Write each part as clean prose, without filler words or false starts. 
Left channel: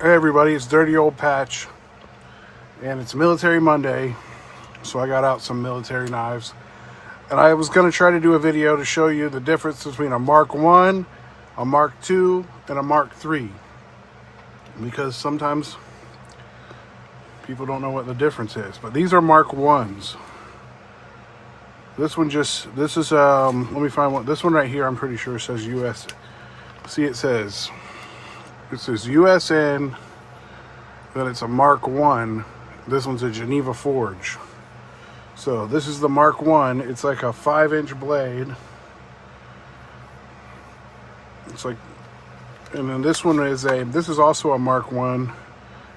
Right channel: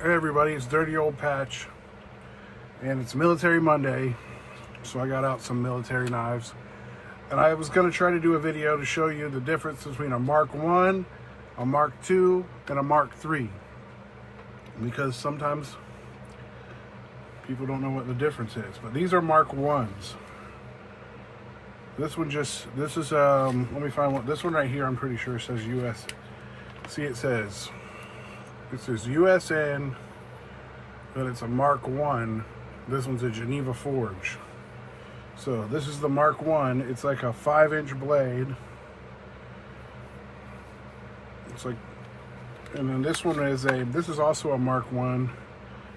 Hey everybody, it's Dirty Old Patch, and it's Military Monday, so I got out some military knives. And I was going to try to do a video to show you the difference between a Mark 1, a Mark 2, and a Mark 3. Because sometimes people don't know what the difference is. But these are Mark 1s. This is, let me find one. This one right here, I'm pretty sure says US. See, it says USN, then it's a Mark 1. This one's a Geneva Forge. So this is the Mark 1. It's like a 5-inch blade. It's like, and then this one is this is also a Mark 1,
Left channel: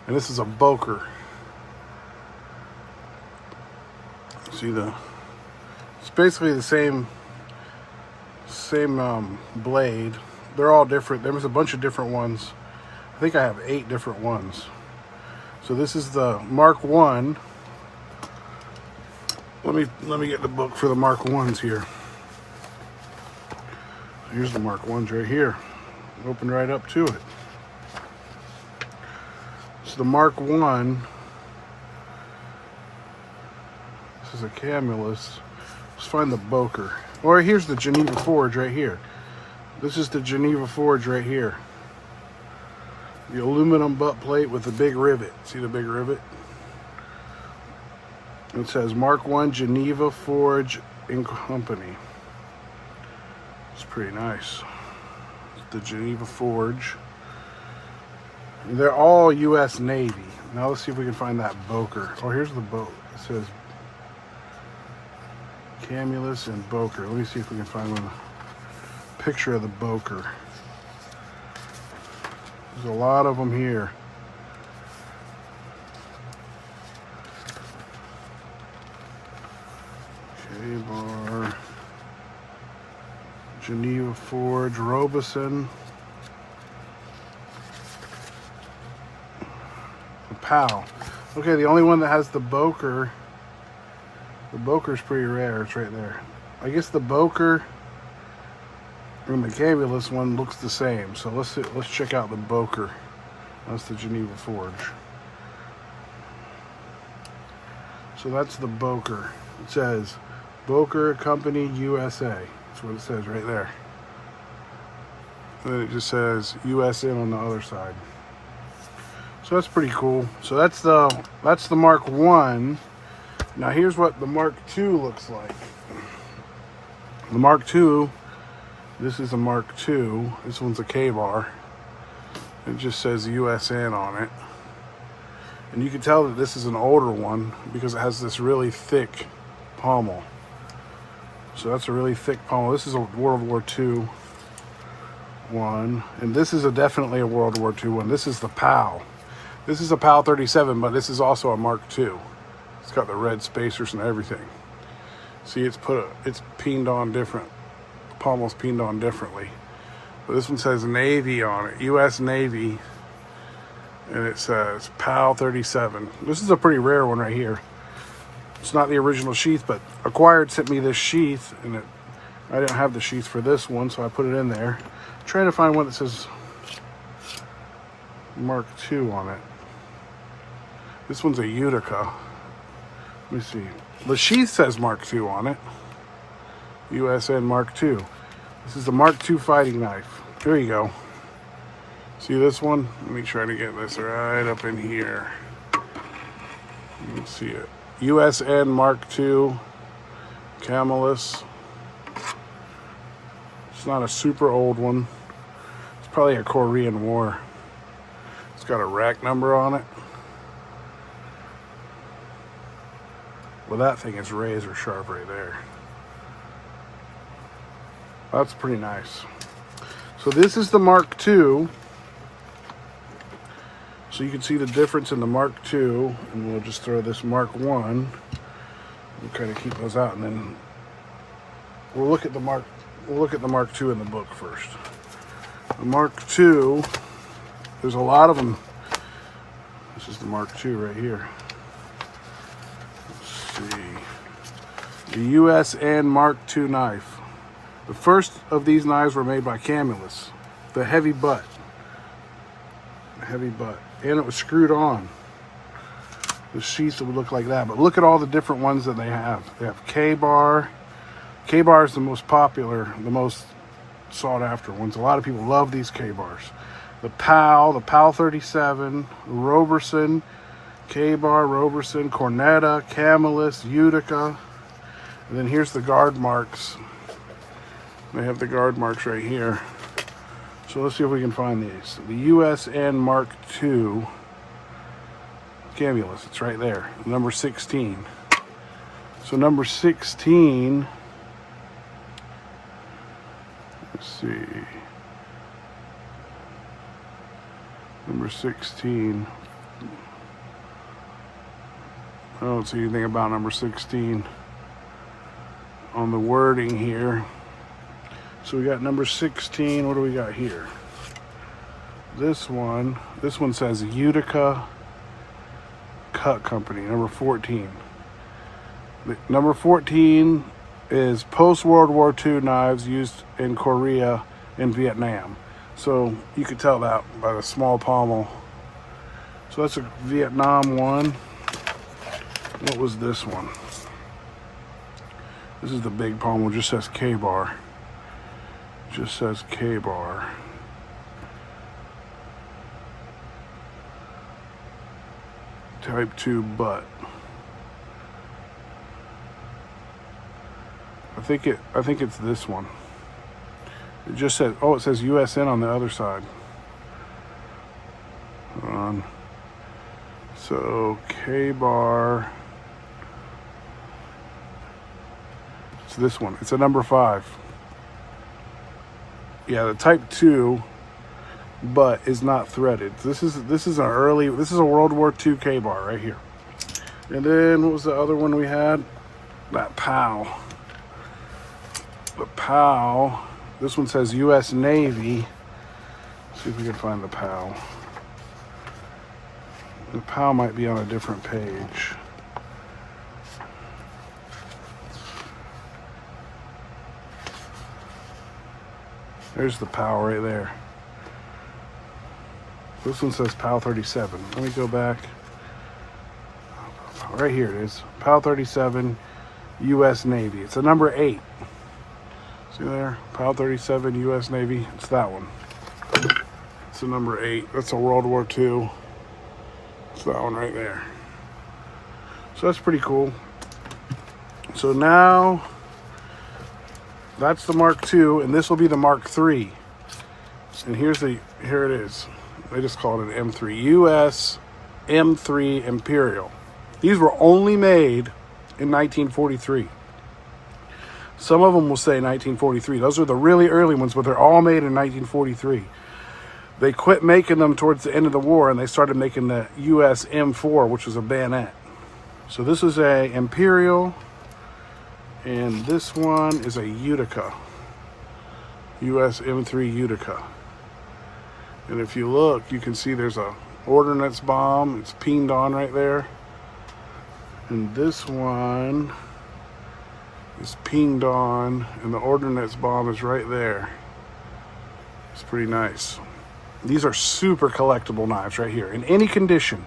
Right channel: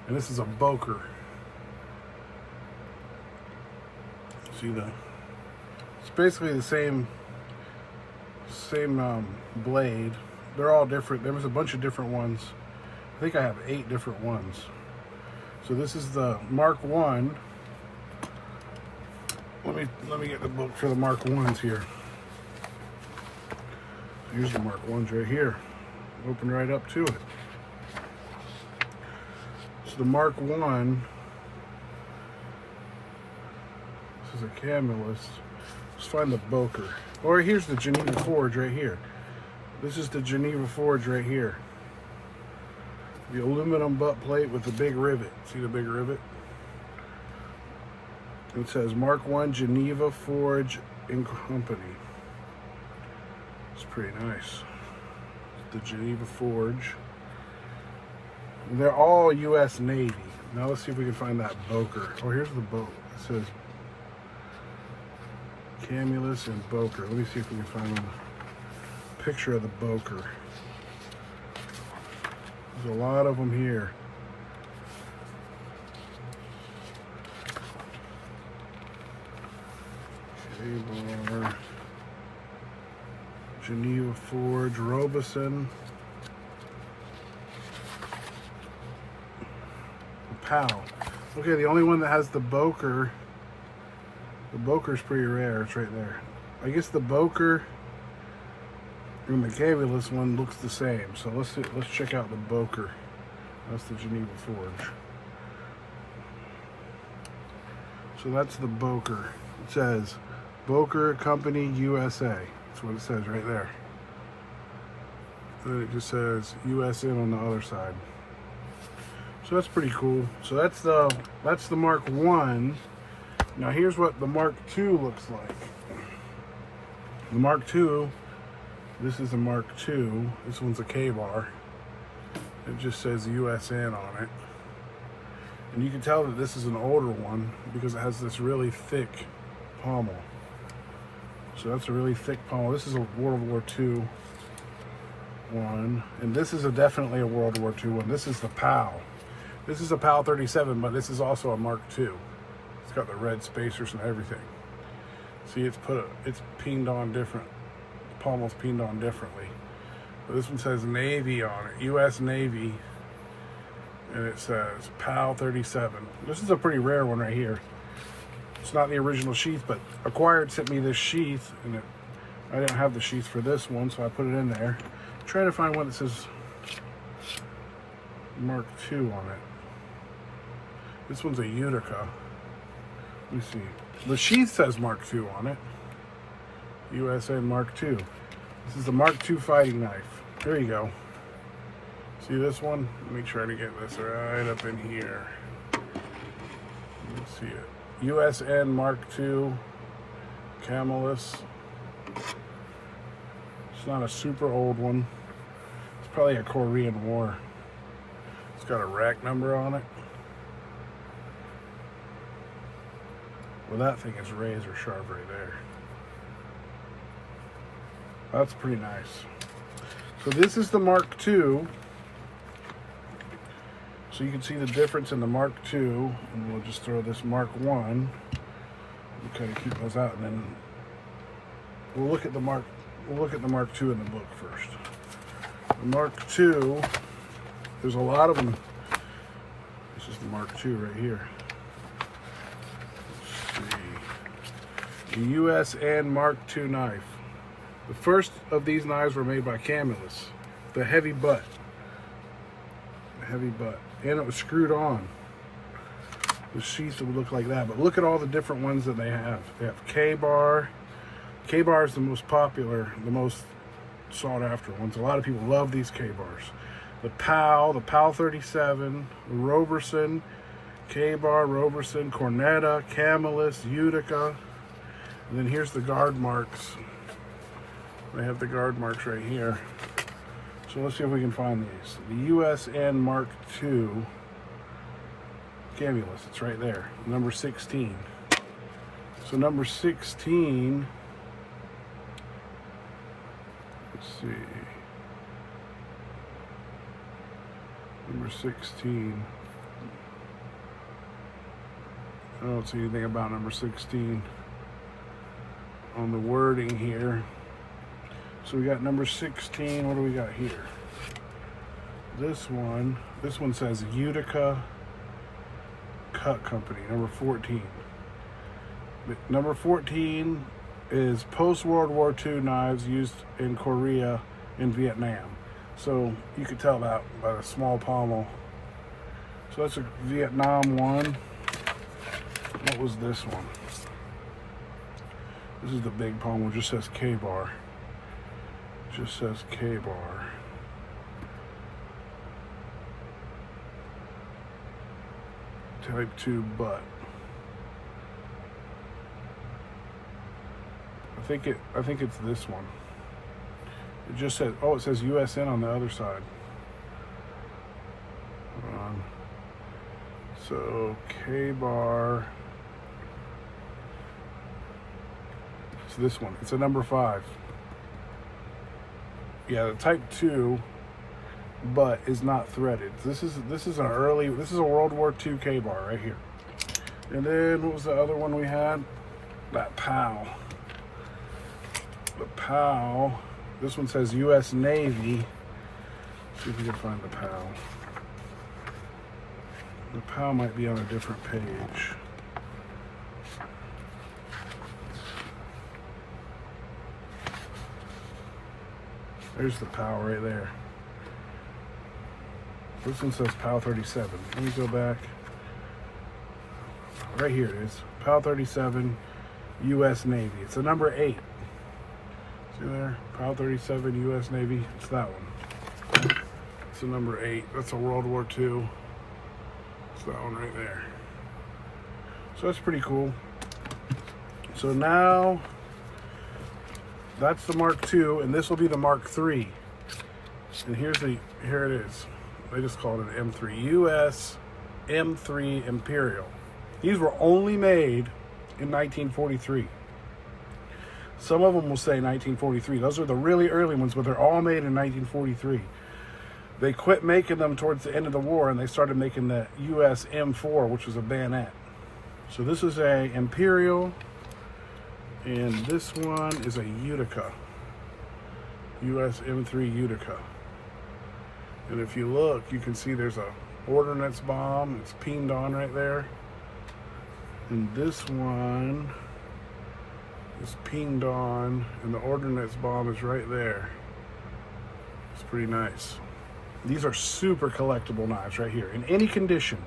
and this is a Boker. See it's basically the same blade. They're all different. There was a bunch of different ones. I think I have 8 different ones. So this is the Mark 1. Let me get the book for the Mark 1s here. Here's the Mark 1s right here. Open right up to it. So the Mark 1. This is a Camulus. Let's find the Boker. Or here's the Geneva Forge right here. This is the Geneva Forge right here. The aluminum butt plate with the big rivet. See the big rivet? It says Mark 1 Geneva Forge and Company. It's pretty nice. The Geneva Forge. And they're all U.S. Navy. Now let's see if we can find that Boker. Oh, here's the boat. It says Camulus and Boker. Let me see if we can find a picture of the Boker. There's a lot of them here. K-Bar, Geneva Forge, Robeson, the POW. Okay, the only one that has the Boker is pretty rare. It's right there. I guess the Boker and the Camulus one looks the same. So let's check out the Boker. That's the Geneva Forge. So that's the Boker. It says Boker Company USA. That's what it says right there. Then it just says USN on the other side. So that's pretty cool. So that's the Mark 1. Now here's what the Mark 2 looks like. The Mark 2, this is a Mark 2. This one's a K-Bar. It just says USN on it. And you can tell that this is an older one because it has this really thick pommel. So that's a really thick pommel. This is a World War II one. And this is definitely a World War II one. This is the POW. This is a POW 37, but this is also a Mark 2. It's got the red spacers and everything. See, it's peened on different. The pommel's peened on differently. But this one says Navy on it, U.S. Navy, and it says POW 37. This is a pretty rare one right here. It's not the original sheath, but Acquired sent me this sheath, and I didn't have the sheath for this one, so I put it in there. I'm trying to find one that says Mark 2 on it. This one's a Utica. Let me see. The sheath says Mark 2 on it. USN Mark 2. This is the Mark 2 fighting knife. There you go. See this one? Let me try to get this right up in here. Let's see it. USN Mark 2 Camulus. It's not a super old one. It's probably a Korean War. It's got a rack number on it. Well, that thing is razor sharp right there. That's pretty nice. So this is the Mark II. So you can see the difference in the Mark II, and we'll just throw this Mark I. We'll kind of keep those out, and then we'll look at the Mark II in the book first. The Mark II, there's a lot of them. This is the Mark II right here. The USN Mark II knife. The first of these knives were made by Camulus. The heavy butt. heavy butt. And it was screwed on. The sheath would look like that. But look at all the different ones that they have. They have K-bar. K-bar is the most popular, the most sought after ones. A lot of people love these K-bars. The PAL 37, Roberson, K-bar, Roberson, Cornetta, Camillus, Utica. And then here's the guard marks. They have the guard marks right here. So let's see if we can find these. The USN Mark II Camillus, it's right there, number 16. So number 16, let's see, number 16, I don't see anything about number 16 on the wording here. So we got number 16, what do we got here? This one says Utica Cut Company, number 14. Number 14 is post-World War II knives used in Korea and Vietnam. So you could tell that by the small pommel. So that's a Vietnam one. What was this one? This is the big pommel, just says K-bar. Just says K-bar. Type 2 butt. I think it's this one. It just says, oh, it says USN on the other side. So K-bar. It's this one. It's a number 5. Yeah, the Type 2 butt is not threaded. This is a World War II K-bar right here. And then what was the other one we had? That PAL. The PAL. This one says U.S. Navy. See if we can find the PAL. The PAL might be on a different page. There's the PAL right there. This one says PAL 37. Let me go back. Right here it is. PAL 37, U.S. Navy. It's a number 8. See there? PAL 37, U.S. Navy. It's that one. It's a number 8. That's a World War II. It's that one right there. So that's pretty cool. So now that's the Mark II, and this will be the Mark III. And here it is. They just called it an M3. US M3 Imperial. These were only made in 1943. Some of them will say 1943. Those are the really early ones, but they're all made in 1943. They quit making them towards the end of the war, and they started making the US M4, which was a bayonet. So this is a Imperial, and this one is a Utica. US M3 Utica. And if you look, you can see there's a ordnance bomb. It's pinged on right there. And this one is pinged on, and the ordnance bomb is right there. It's pretty nice. These are super collectible knives right here, in any condition.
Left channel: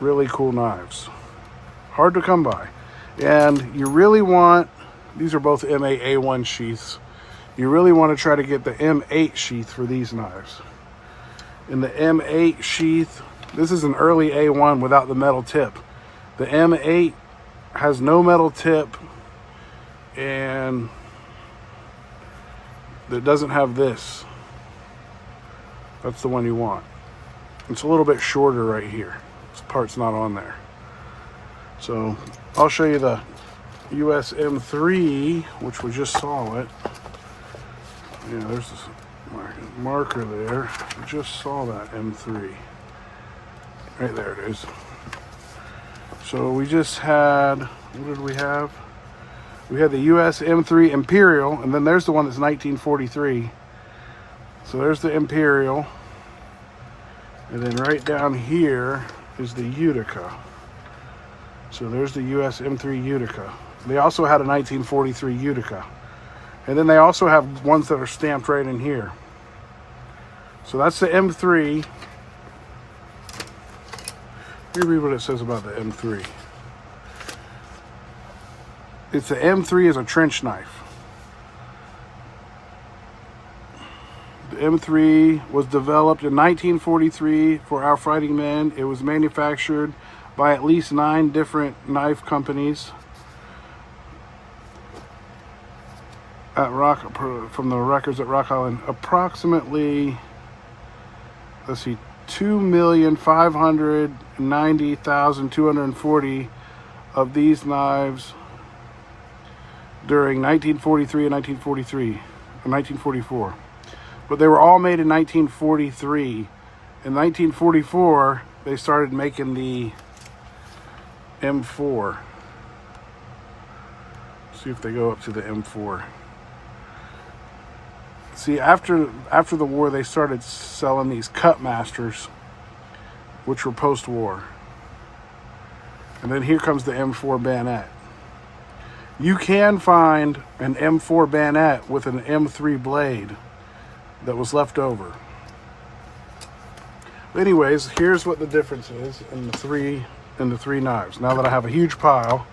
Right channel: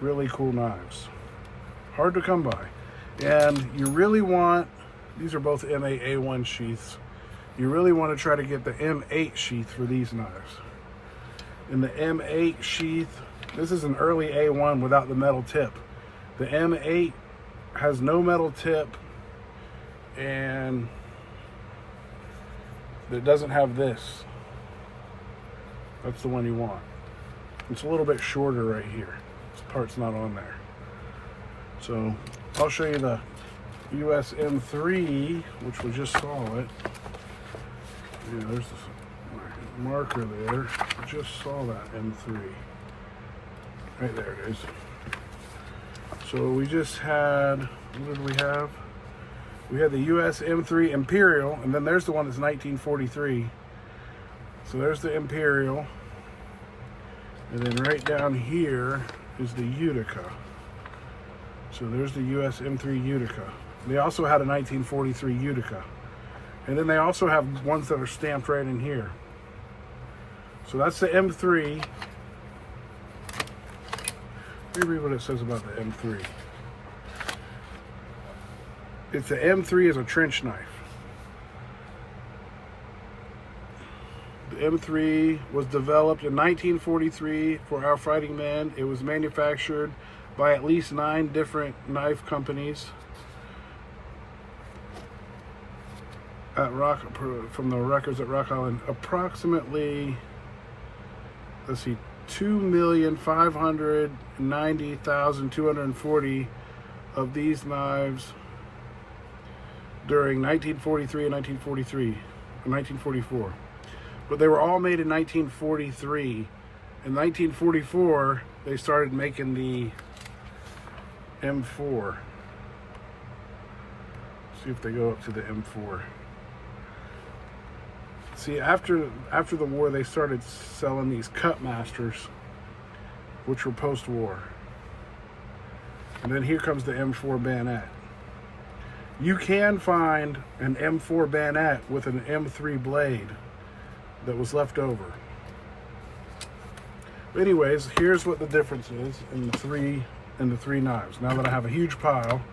Really cool knives. Hard to come by. And you really want, these are both M8 A1 sheaths. You really want to try to get the M8 sheath for these knives. In the M8 sheath, this is an early A1 without the metal tip. The M8 has no metal tip, and it doesn't have this. That's the one you want. It's a little bit shorter right here. This part's not on there. So I'll show you the US M3, which we just saw it. Yeah, there's this marker there. We just saw that M3. Right there it is. So we just had, what did we have? We had the US M3 Imperial, and then there's the one that's 1943. So there's the Imperial. And then right down here is the Utica. So there's the US M3 Utica. They also had a 1943 Utica. And then they also have ones that are stamped right in here. So that's the M3. Let me read what it says about the M3. It's the M3 is a trench knife. The M3 was developed in 1943 for our fighting men. It was manufactured by at least 9 different knife companies at from the records at Rock Island. Approximately, let's see, 2,590,240 of these knives during 1943 and 1944. But they were all made in 1943. In 1944, they started making the M4. See if they go up to the M4. See, after the war, they started selling these cut masters, which were post-war. And then here comes the M4 bayonet. You can find an M4 bayonet with an M3 blade that was left over. But anyways, here's what the difference is in the three knives. Now that I have a huge pile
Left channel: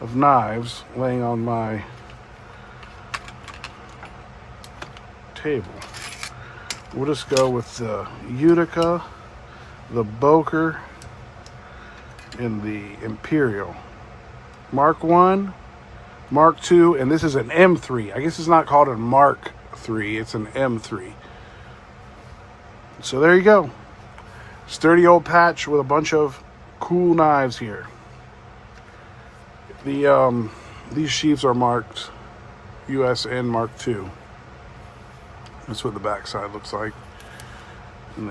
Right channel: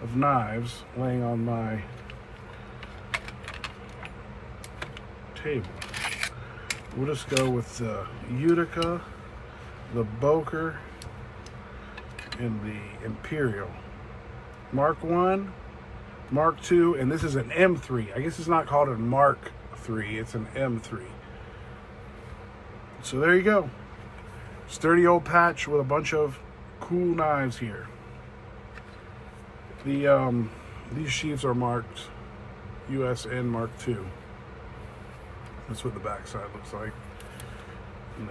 of knives laying on my table, we'll just go with the Utica, the Boker, and the Imperial. Mark 1, Mark 2, and this is an M3. I guess it's not called a Mark 3, it's an M3. So there you go. Sturdy old patch with a bunch of cool knives here. These sheaths are marked USN Mark II. That's what the backside looks like. And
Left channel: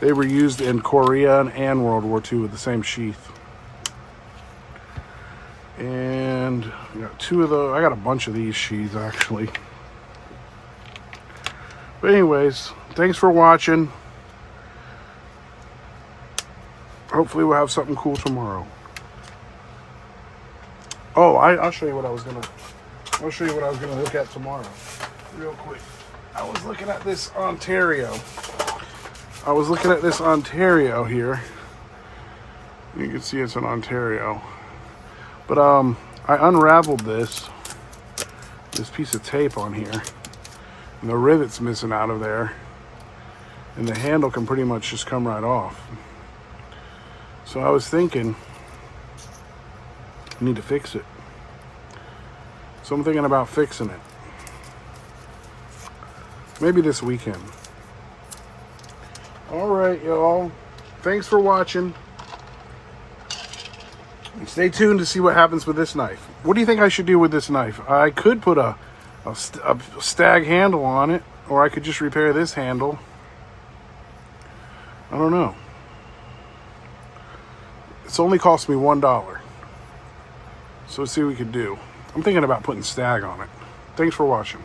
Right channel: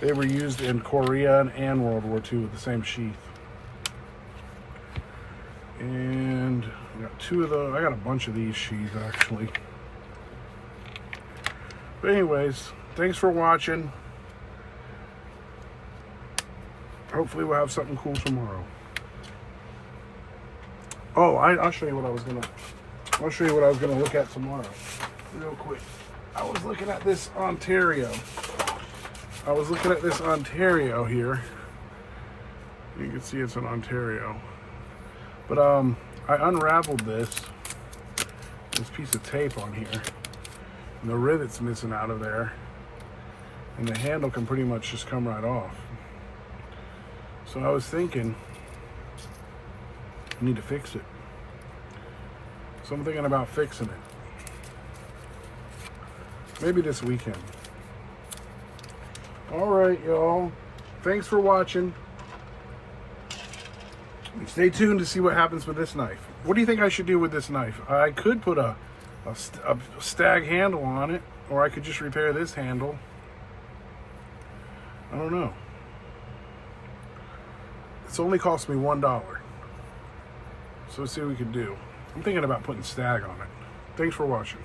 they were used in Korea and World War II with the same sheath. And I got 2 of those. I got a bunch of these sheaths actually. But anyways, thanks for watching. Hopefully we'll have something cool tomorrow. Oh, I'll show you what I was gonna look at tomorrow. Real quick. I was looking at this Ontario. Here. You can see it's in Ontario. But I unraveled this piece of tape on here, and the rivet's missing out of there, and the handle can pretty much just come right off. So I was thinking, I need to fix it. So I'm thinking about fixing it. Maybe this weekend. All right, y'all. Thanks for watching. Stay tuned to see what happens with this knife. What do you think I should do with this knife? I could put a stag handle on it, or I could just repair this handle. I don't know. It's only cost me $1. So let's see what we can do. I'm thinking about putting stag on it. Thanks for watching.